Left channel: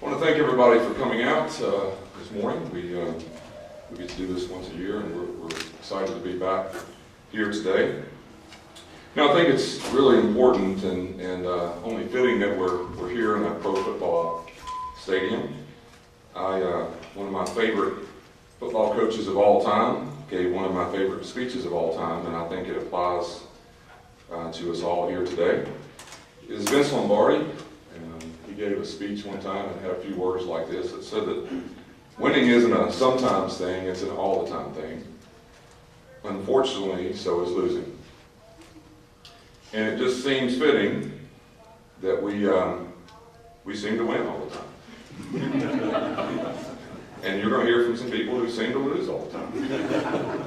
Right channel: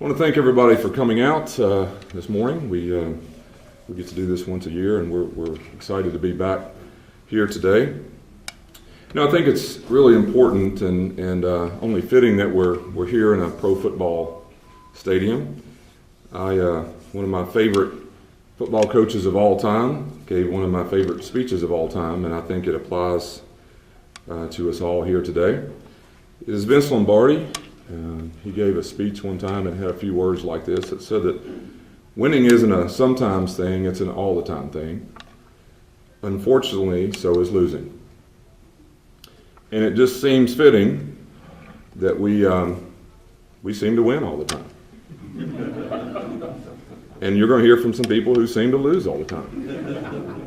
I want to thank everybody for coming out this morning. We get to do this once a year, and we're excited to be back here today. Now, I think it's really important and only fitting that we're here in a pro football stadium. One of my favorite football coaches of all time gave one of my favorite speeches of all time, and I think it applies to us all here today. It is Vince Lombardi. He gave a speech one time and had a few words like this. It said that winning isn't a sometimes thing, it's an all the time thing. Unfortunately, so is losing. And it just seems fitting that we seem to win all the time. And you're going to hear from some people who seem to lose all the time.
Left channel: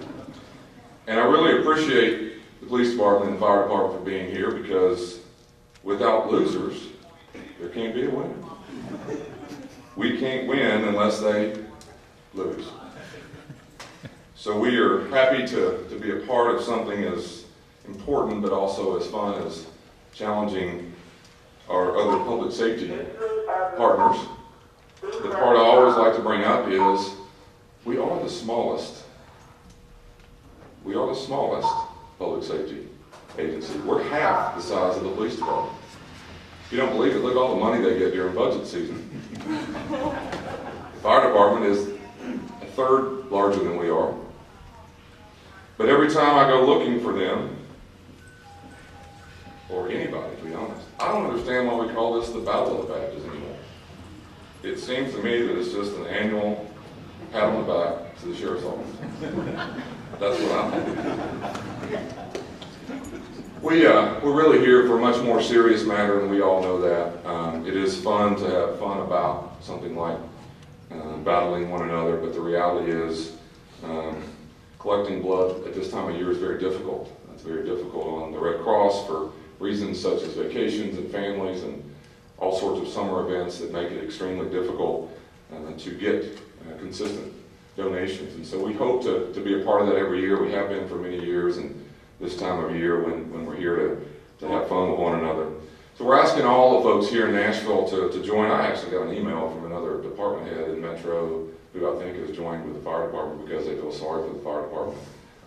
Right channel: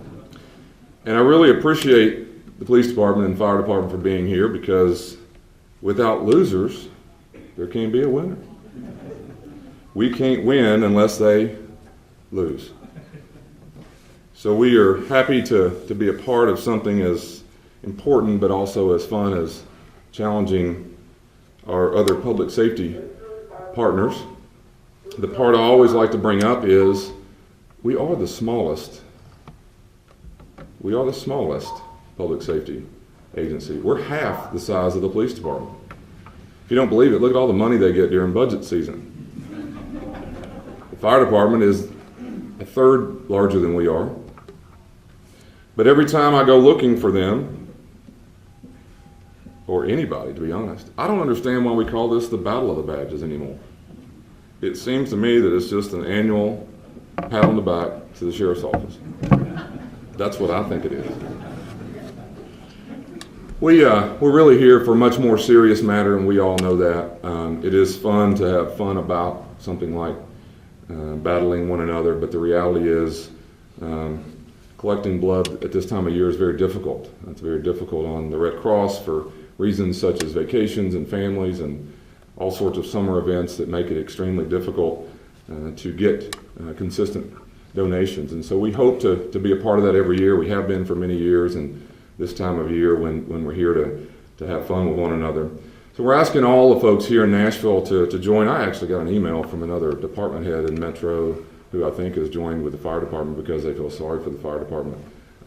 And I really appreciate the police department and fire department for being here, because without losers, there can't be a winner. We can't win unless they lose. So we are happy to be a part of something as important but also as fun as challenging our other public safety partners. The part I always like to bring up is we are the smallest public safety agency. We're half the size of the police department. If you don't believe it, look at all the money they get during budget season. The fire department is a third larger than we are. But every time I go looking for them, or anybody, to be honest, I don't understand why we call this the Battle of the Badges anymore. It seems to me that it's just an annual pat on the back to the sheriff's office. That's what I think it is. We're really here for a much more serious matter, and we all know that. It is fun to have fun about something like battling one another, but the reality is collecting blood at this time of year is very difficult. It's very difficult on the Red Cross for reasons such as vacations and families and all sorts of summer events that make it extremely difficult to get consistent donations. And so we hope to be a part of that every year. We have been for many years, and this time of year when we're here to have fun with one another. So we're asking all the folks here in Nashville to join. I actually got an email from another department head in Metro who I think has joined with the fire department because they feel sorry for the fire department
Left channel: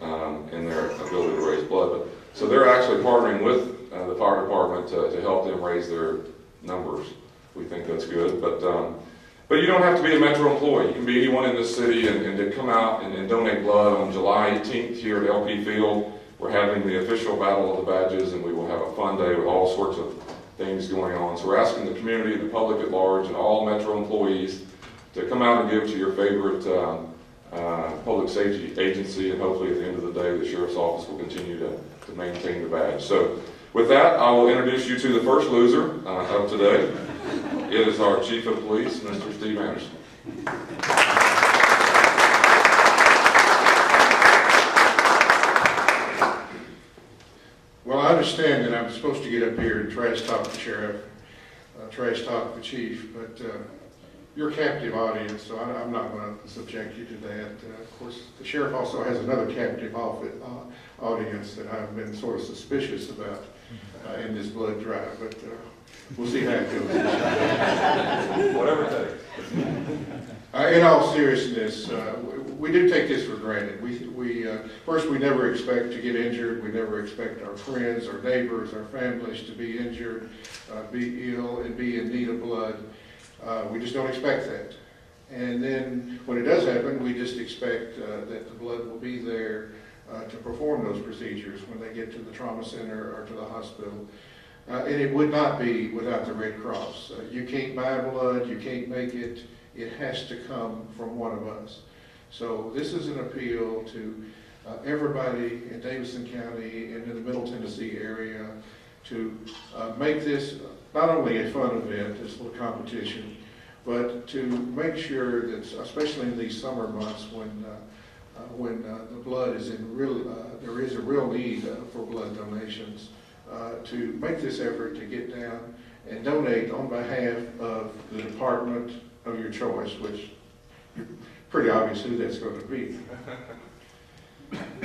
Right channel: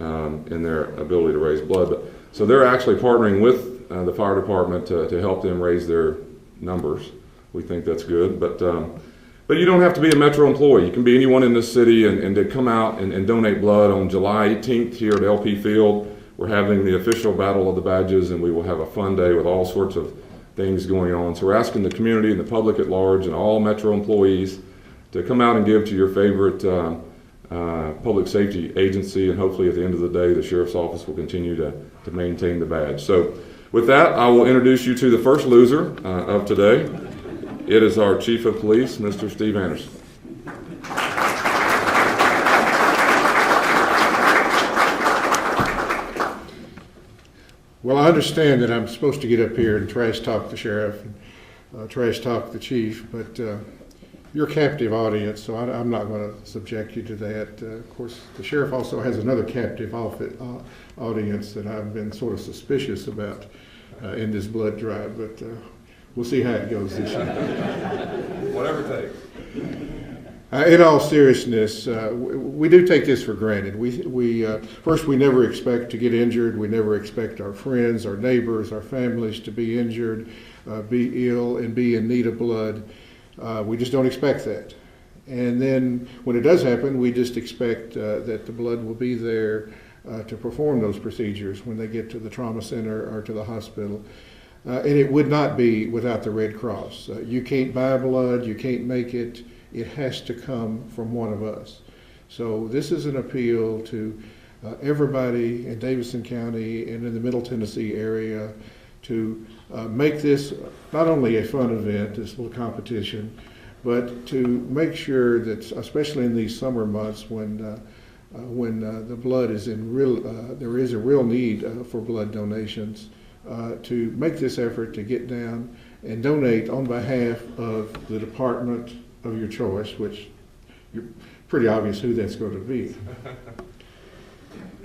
and their ability to raise blood. So they're actually partnering with the fire department to help them raise their numbers. We think that's good. But you don't have to be a Metro employee. You can be anyone in this city and to come out and donate blood on July 18th here at LP Field. We're having the official Battle of the Badges, and we will have a fun day with all sorts of things going on. So we're asking the community and the public at large and all Metro employees to come out and give to your favorite public safety agency, and hopefully at the end of the day the Sheriff's Office will continue to maintain the badge. So with that, I will introduce you to the first loser of today. It is our Chief of Police, Mr. Steve Anderson. Well, I understand that I'm supposed to get up here and trash talk the sheriff and trash talk the chief, but you're a captive audience, so I'm not going to subject you to that. Of course, the sheriff also has another captive audience that I've been sort of suspicious about in this blood drive, but we'll see how it goes. Whatever it takes. In all seriousness, we do take this for granted. First, we never expect to get injured. We never expect our friends, our neighbors, our families to be injured, be ill, and be in need of blood. We just don't expect that. And then when it does happen, we just expect that the blood will be there to perform those procedures when they get to the trauma center or to the hospital. And it would not be without the Red Cross. You can't buy blood, you can't make it. It has to come from one of us. So this is an appeal to everybody in Davidson County and in the Middle Tennessee area to make this not only a fun event, this little competition, but to make sure that, especially in these summer months when the blood is there is a real need for blood donations, to make this effort to get down and donate on behalf of the department of your choice, which you're pretty obvious who that's going to be.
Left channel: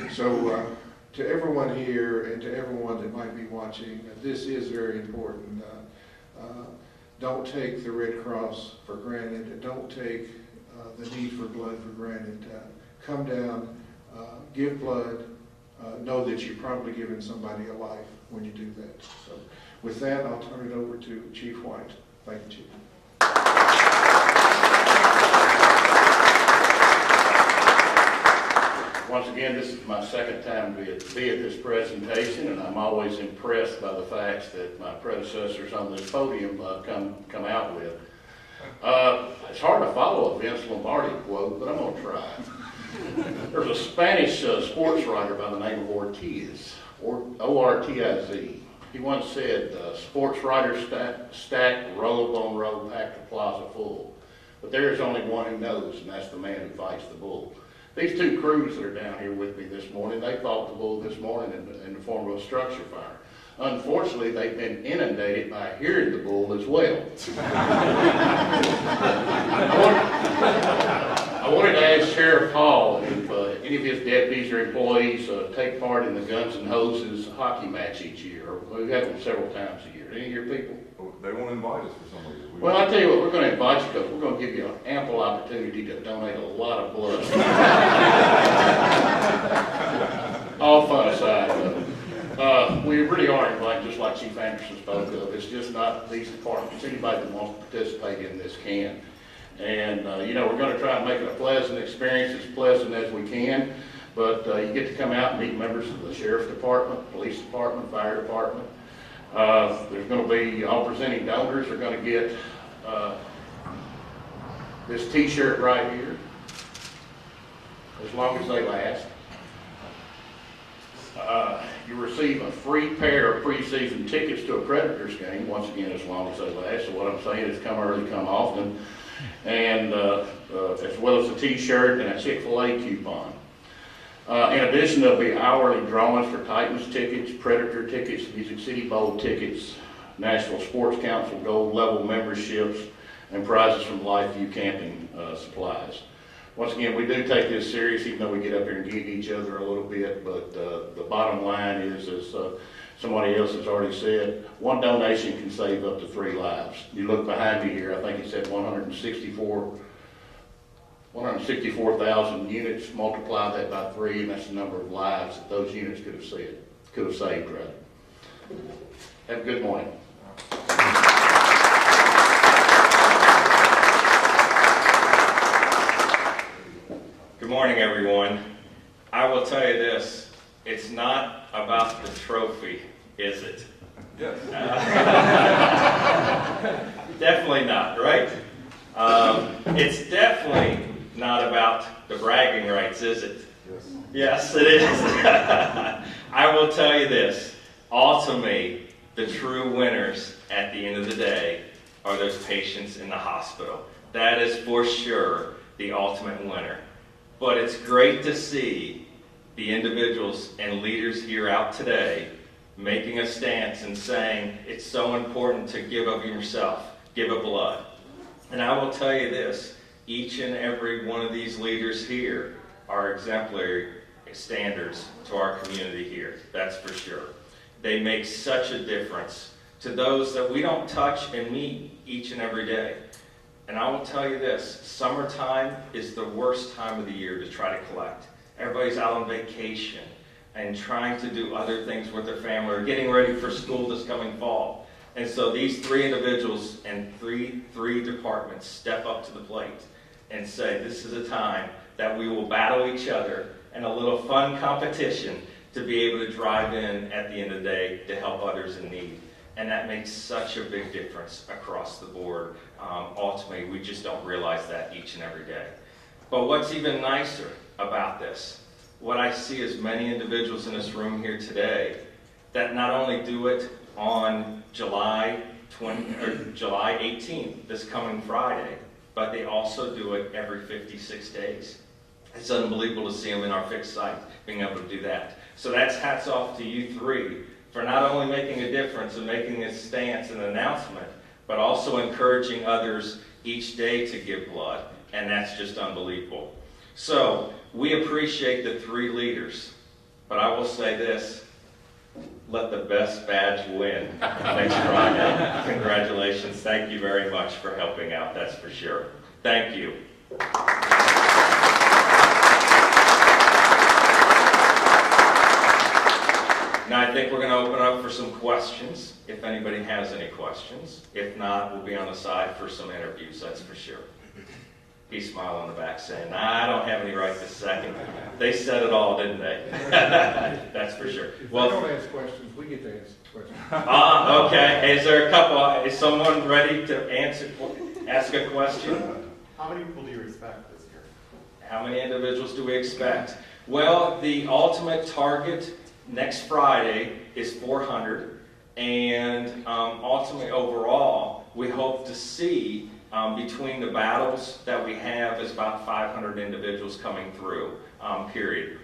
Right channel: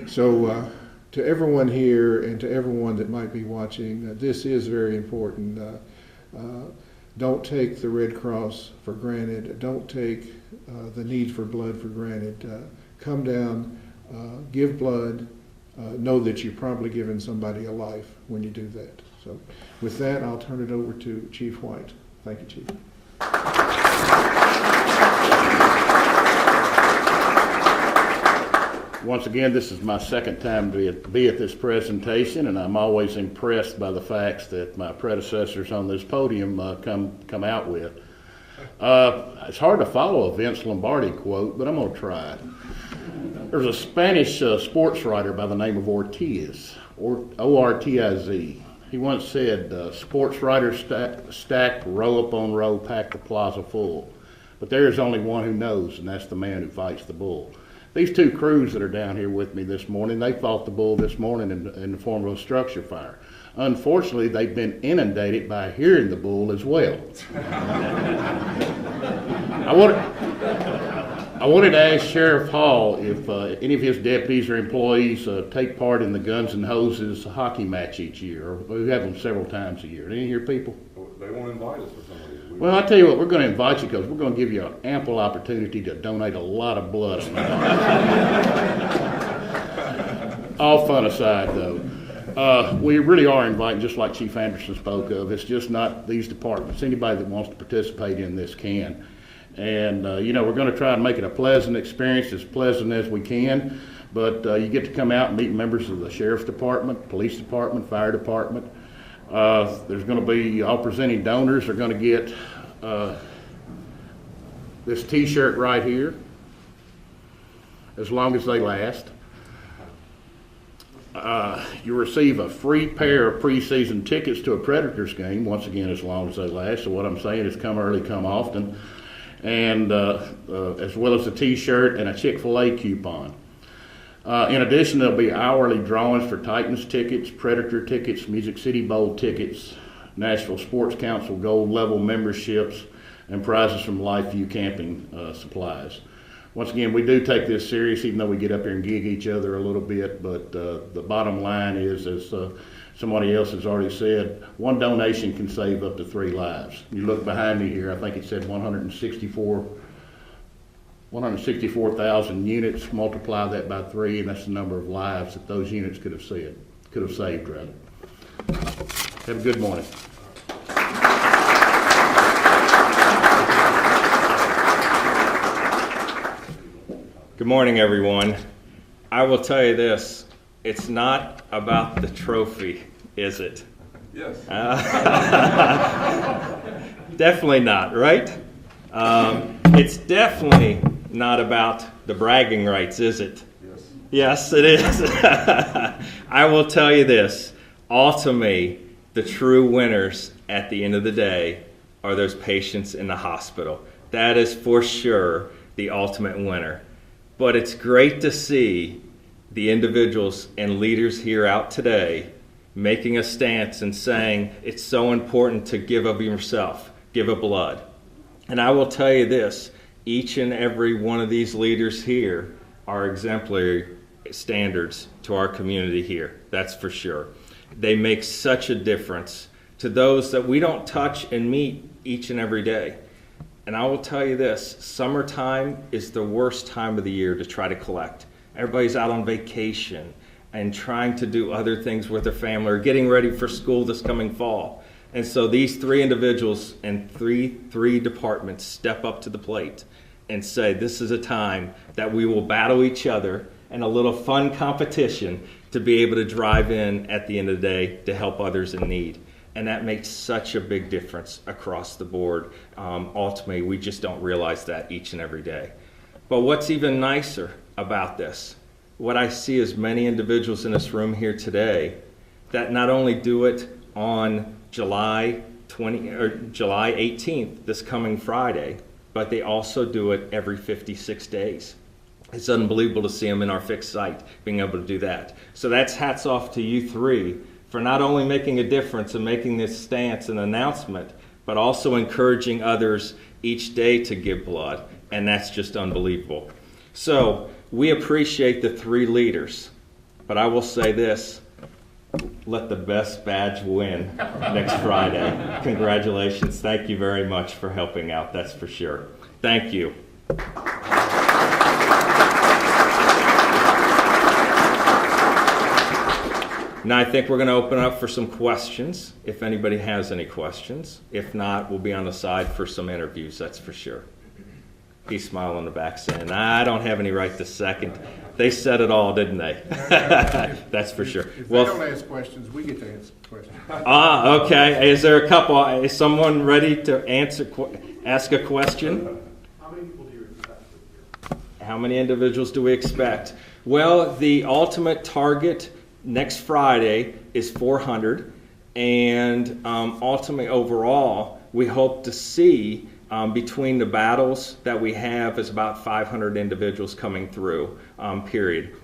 So to everyone here and to everyone that might be watching, this is very important. don't take the Red Cross for granted. Don't take the need for blood for granted. Come down, give blood, know that you've probably given somebody a life when you do that. So with that, I'll turn it over to Chief White. Thank you, Chief. Once again, this is my second time to be at this presentation, and I'm always impressed by the facts that my predecessors on this podium come out with. It's hard to follow a Vince Lombardi quote, but I'm going to try. There was a Spanish sports writer by the name of Ortiz, O-R-T-I-Z. He once said, sports writers stack row upon row, pack the plaza full. But there is only one who knows, and that's the man who fights the bull. These two crews that are down here with me this morning, they fought the bull this morning in the form of a structure fire. Unfortunately, they've been inundated by hearing the bull as well. I wanted to ask Sheriff Hall if any of his deputies or employees take part in the Guns and Hoses hockey match each year. We have them several times a year. Any of your people? They won't invite us for some reason. Well, I tell you what, we're going to invite you because we're going to give you an ample opportunity to donate a lot of blood. All fun aside, though, we really are inviting, just like Chief Anderson spoke of. It's just not these departments. Anybody that wants to participate in this can. And, we're going to try and make it a pleasant experience, as pleasant as we can. But you get to come out and meet members of the Sheriff's Department, Police Department, Fire Department. There's going to be, all presenting donors are going to get this t-shirt right here, as long as they last. You receive a free pair of preseason tickets to a Predators game, once again, as long as they last. So what I'm saying is come early, come often. And as well as a t-shirt and a Chick-fil-A coupon. In addition, there'll be hourly drawings for Titans tickets, Predator tickets, Music City Bowl tickets, Nashville Sports Council Gold Level memberships, and prizes from LifeView camping supplies. Once again, we do take this serious, even though we get up here and gig each other a little bit, but the bottom line is, as somebody else has already said, one donation can save up to 3 lives. You look behind me here, I think it said 164,000 units, multiply that by 3, and that's the number of lives that those units could have saved. Have a good morning. Good morning, everyone. I will tell you this, it's not about the trophy, is it? Yes. Definitely not, right? It's definitely not about the bragging rights, is it? Yes. Yes, it is. I will tell you this, ultimately, the true winners at the end of the day are those patients in the hospital. That is for sure the ultimate winner. But it's great to see the individuals and leaders here out today making a stance and saying it's so important to give of yourself, give of blood. And I will tell you this, each and every one of these leaders here are exemplary standards to our community here, that's for sure. They make such a difference to those that we don't touch and meet each and every day. And I will tell you this, summertime is the worst time of the year to try to collect. Everybody's out on vacation and trying to do other things with their family or getting ready for school this coming fall. And so these 3 individuals and three departments step up to the plate and say this is a time that we will battle each other and a little fun competition to be able to drive in at the end of the day to help others in need. And that makes such a big difference across the board. Ultimately, we just don't realize that each and every day. But what's even nicer about this, what I see is many individuals in this room here today that not only do it on July 18th, this coming Friday, but they also do it every 56 days. It's unbelievable to see them in our fixed site being able to do that. So that's hats off to you 3 for not only making a difference and making this stance and announcement, but also encouraging others each day to give blood. And that's just unbelievable. So we appreciate the 3 leaders, but I will say this, let the best badge win next Friday. Congratulations. Thank you very much for helping out, that's for sure. Thank you. Now I think we're going to open up for some questions, if anybody has any questions. If not, we'll be on the side for some interviews, that's for sure. He's smiling on the back saying, I don't have any right this second. They said it all, didn't they? That's for sure. If they don't ask questions, we get to ask questions. Okay. Is there a couple? Is someone ready to ask a question? How many people do you expect this year? How many individuals do we expect? Well, the ultimate target next Friday is 400, and ultimately overall, we hope to see between the battles that we have is about 500 individuals coming through, period.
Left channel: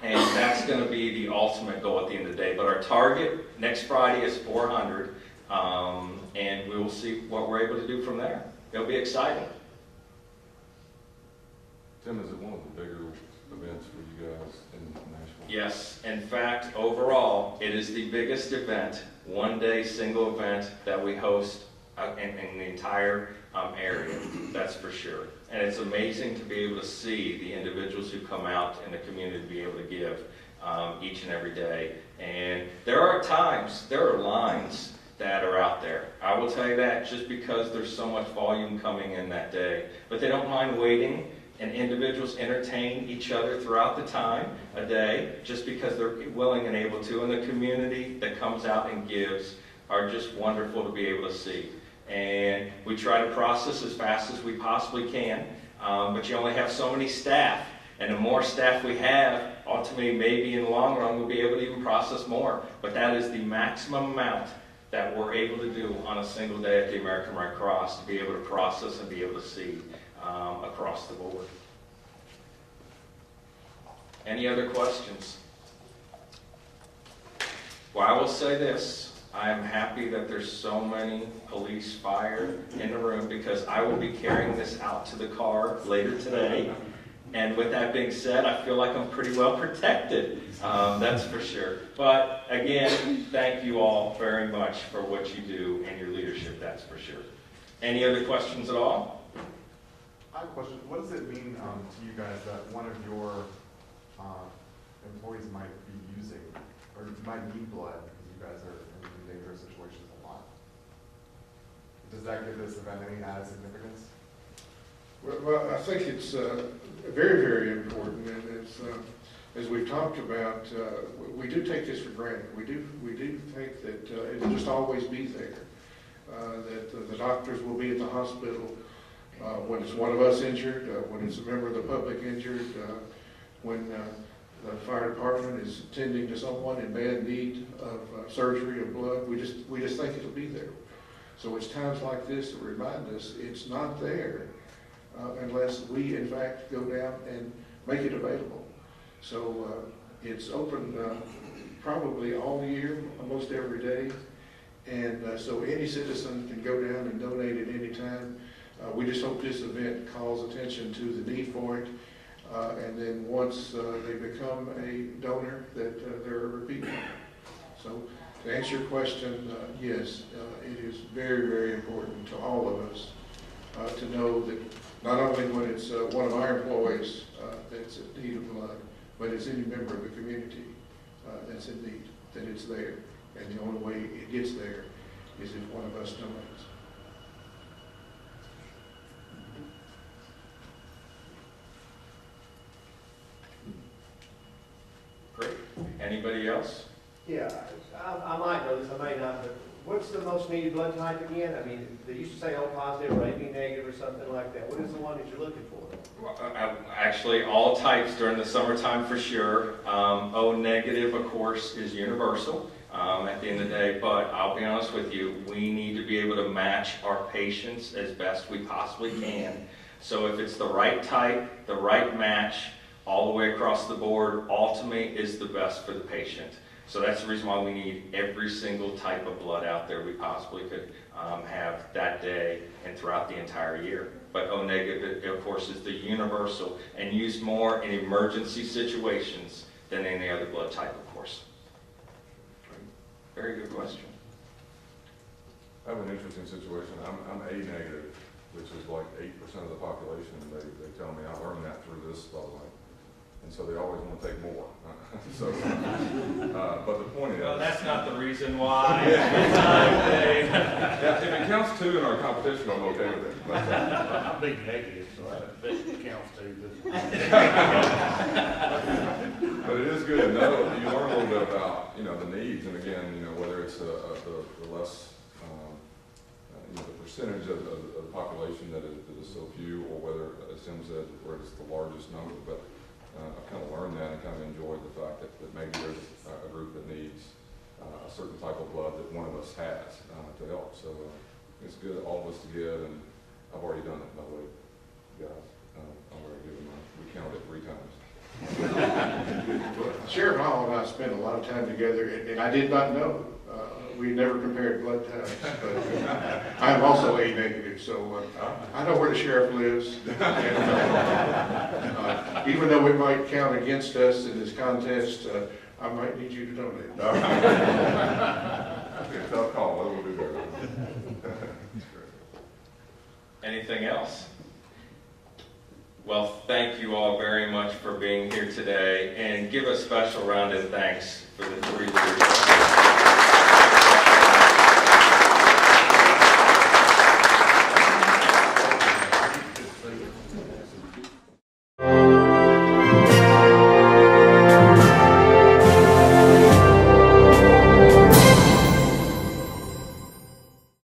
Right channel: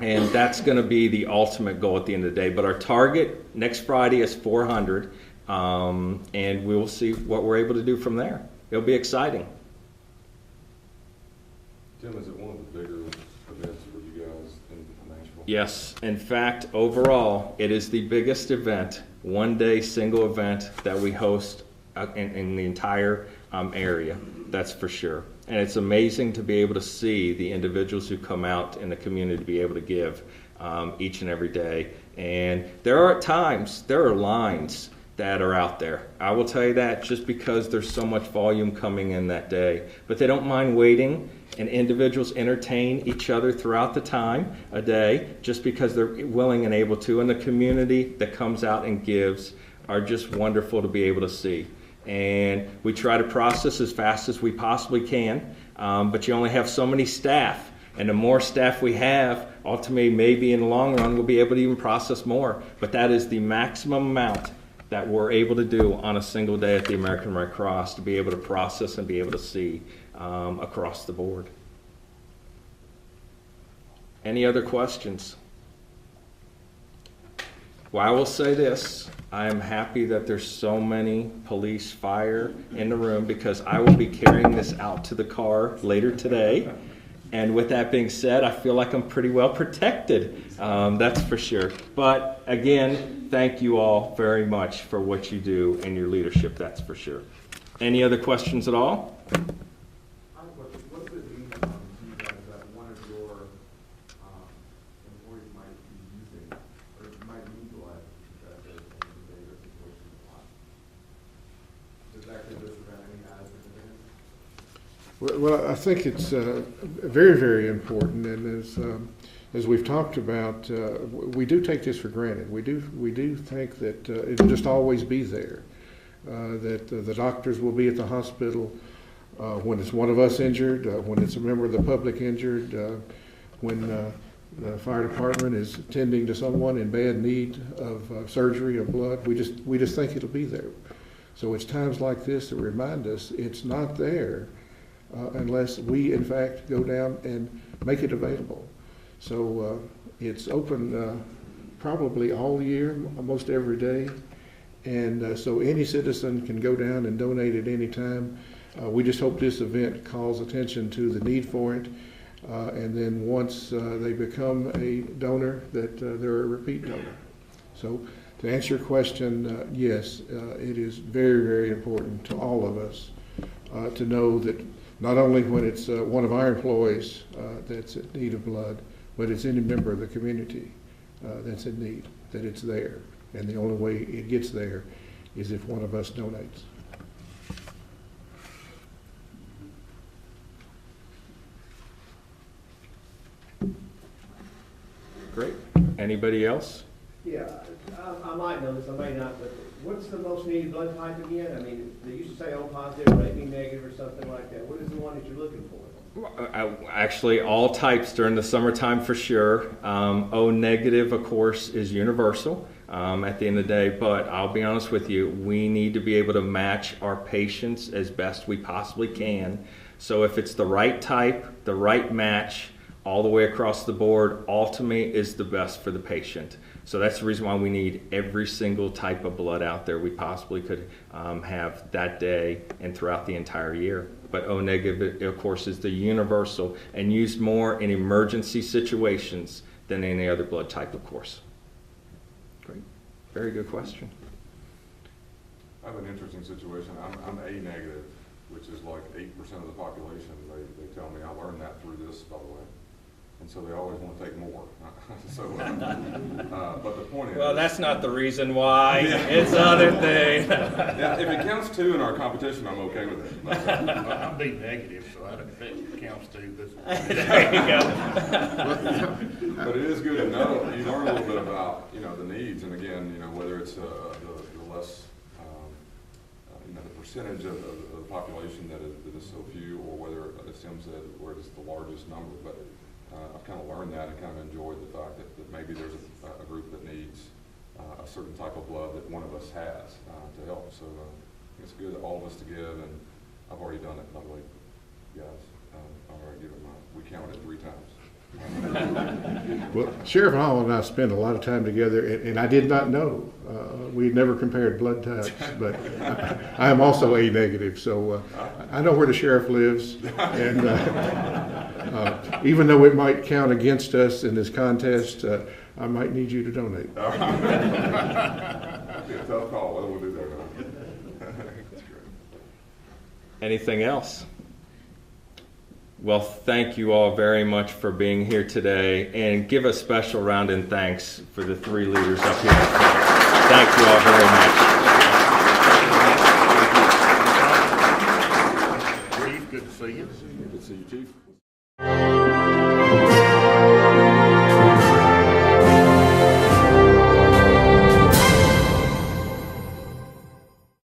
And that's going to be the ultimate goal at the end of the day. But our target next Friday is 400, and we will see what we're able to do from there. It'll be exciting. Tim, is it one of the bigger events for you guys in Nashville? Yes, in fact, overall, it is the biggest event, one-day single event that we host in the entire area, that's for sure. And it's amazing to be able to see the individuals who come out in the community to be able to give each and every day. And there are times, there are lines that are out there. I will tell you that just because there's so much volume coming in that day. But they don't mind waiting, and individuals entertain each other throughout the time, a day, just because they're willing and able to. And the community that comes out and gives are just wonderful to be able to see. And we try to process as fast as we possibly can, but you only have so many staff, and the more staff we have, ultimately maybe in the long run we'll be able to even process more, but that is the maximum amount that we're able to do on a single day at the American Red Cross, to be able to process and be able to see across the board. Any other questions? Well, I will say this. I am happy that there's so many police, fire in the room, because I will be carrying this out to the car later today. And with that being said, I feel like I'm pretty well protected, that's for sure. But again, thank you all very much for what you do and your leadership, that's for sure. Any other questions at all? I have a question. What does it mean to you guys that one of your employees might be using, or might need blood if you guys are in dangerous situations a lot? Does that give this event any added significance? Well, I think it's very, very important, and as we've talked about, we do take this for granted. We do think that it'll just always be there. That the doctors will be at the hospital when it's one of us injured, when it's a member of the public injured, when the fire department is tending to someone in bad need of surgery or blood. We just think it'll be there. So it's times like this that remind us it's not there unless we, in fact, go down and make it available. So it's open probably all year, almost every day. And so any citizen can go down and donate at any time. We just hope this event calls attention to the need for it. And then once they become a donor, that they're a repeat donor. So to answer your question, yes, it is very, very important to all of us to know that not only when it's one of our employees that's in need of blood, but it's any member of the community that's in need, that it's there. And the only way it gets there is if one of us donates. Great. Anybody else? Yeah, I might know this, I may not, but what's the most needed blood type again? I mean, they used to say O positive or AB negative or something like that. What is the one that you're looking for? Actually, all types during the summertime for sure. O negative, of course, is universal at the end of the day, but I'll be honest with you, we need to be able to match our patients as best we possibly can. So if it's the right type, the right match, all the way across the board, ultimately is the best for the patient. So that's the reason why we need every single type of blood out there we possibly could have that day and throughout the entire year. But O negative, of course, is the universal and used more in emergency situations than any other blood type, of course. Very good question. I have an interesting situation. I'm A negative, which is like 8% of the population. They tell me, I learned that through this, by the way. And so they always want to take more. So, but the point is. Well, that's not the reason why. It's other things. Yeah, if it counts 2 in our competition, I'm okay with it. I'm big negative, so I don't think it counts too. But it is good to know, you learn a little bit about, the needs, and again, whether it's the less, the percentage of the population that is so few, or whether, as Tim said, where it's the largest number, but I kind of learned that and kind of enjoyed the fact that maybe there's a group that needs a certain type of blood that one of us has to help, so it's good, all of us to give, and I've already done it, by the way, guys, I'm already doing mine, we counted it 3 times. Well, Sheriff Hall and I spent a lot of time together, and I did not know. We never compared blood types, but I am also A negative, so I know where the sheriff lives. And even though it might count against us in this contest, I might need you to donate. It's a tough call, I will do that. That's great. Anything else? Well, thank you all very much for being here today, and give a special round in thanks for the 3 leaders up here. Thank you all very much.